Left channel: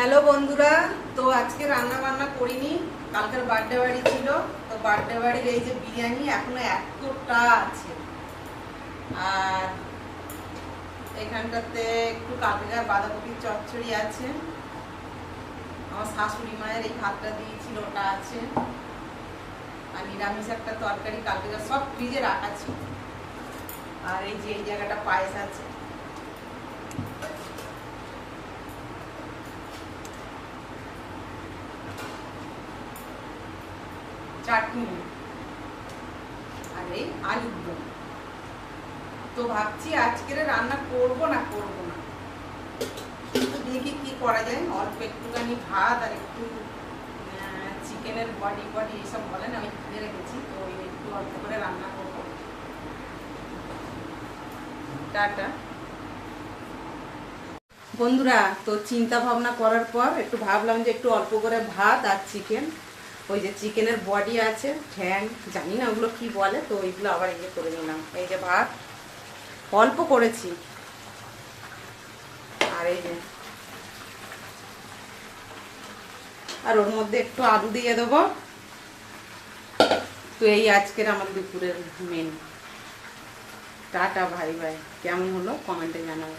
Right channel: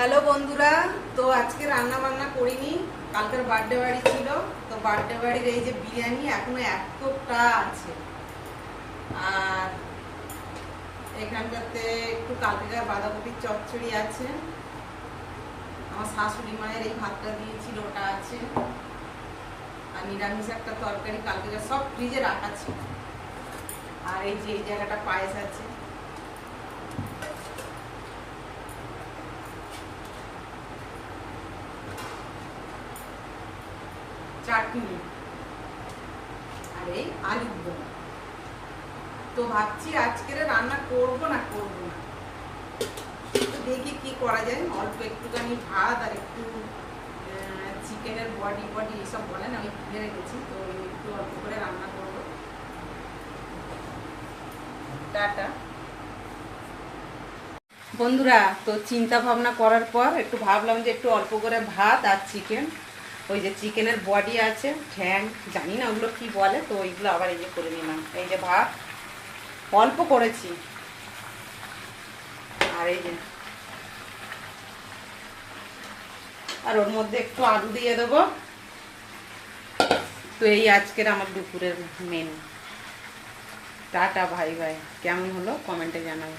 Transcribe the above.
Hello বন্ধুরা, তো আজকে রান্না বান্না করিনি, কালকের বার্থডে বাড়ি ছিল। তো বার্থডে বাড়ির এই যে বিরিয়ানি এখনো এতটা আছে। আর এখানটাতে একটু কালকেকার বাঁধাকপির চচ্চড়ি আছে, আমার শাশুড়ি মায়ের এই ভাতটা দিয়েছিল ওটা আছে, আর নিরামিষ একটা তরকারি কালকেকার সব ফ্রিজে রাখা ছিল। আর এই যে এই জায়গাটা পায়েস আছে। চাটনি আর এই আলুর দম। তো ভাবছি আজকের রান্না করব না দেখি কি করা যায়। অল্প একটুখানি ভাত আর একটু চিকেনের বডি এসব বলেন, আমি কিনে রেখেছি, তো একটু অল্প করে রান্না করব। টাটা বন্ধুরা। তো চিন্তা ভাবনা করার পর একটু ভাবলাম যে একটু অল্প করে ভাত আর চিকেন, ওই যে চিকেনের বডি আছে, ঠ্যাং, জানি না ওগুলো কি বলে, তো ওইগুলো আবার এই যে করে নিলাম। এই যে ভাত অল্প করেছি, আর এই যে আর ওর মধ্যে একটু আলু দিয়ে দেবো। তো এই আজকের আমার দুপুরের মেনু। টাটা, ভাই ভাই। কেমন হলো কমেন্টে জানাবে।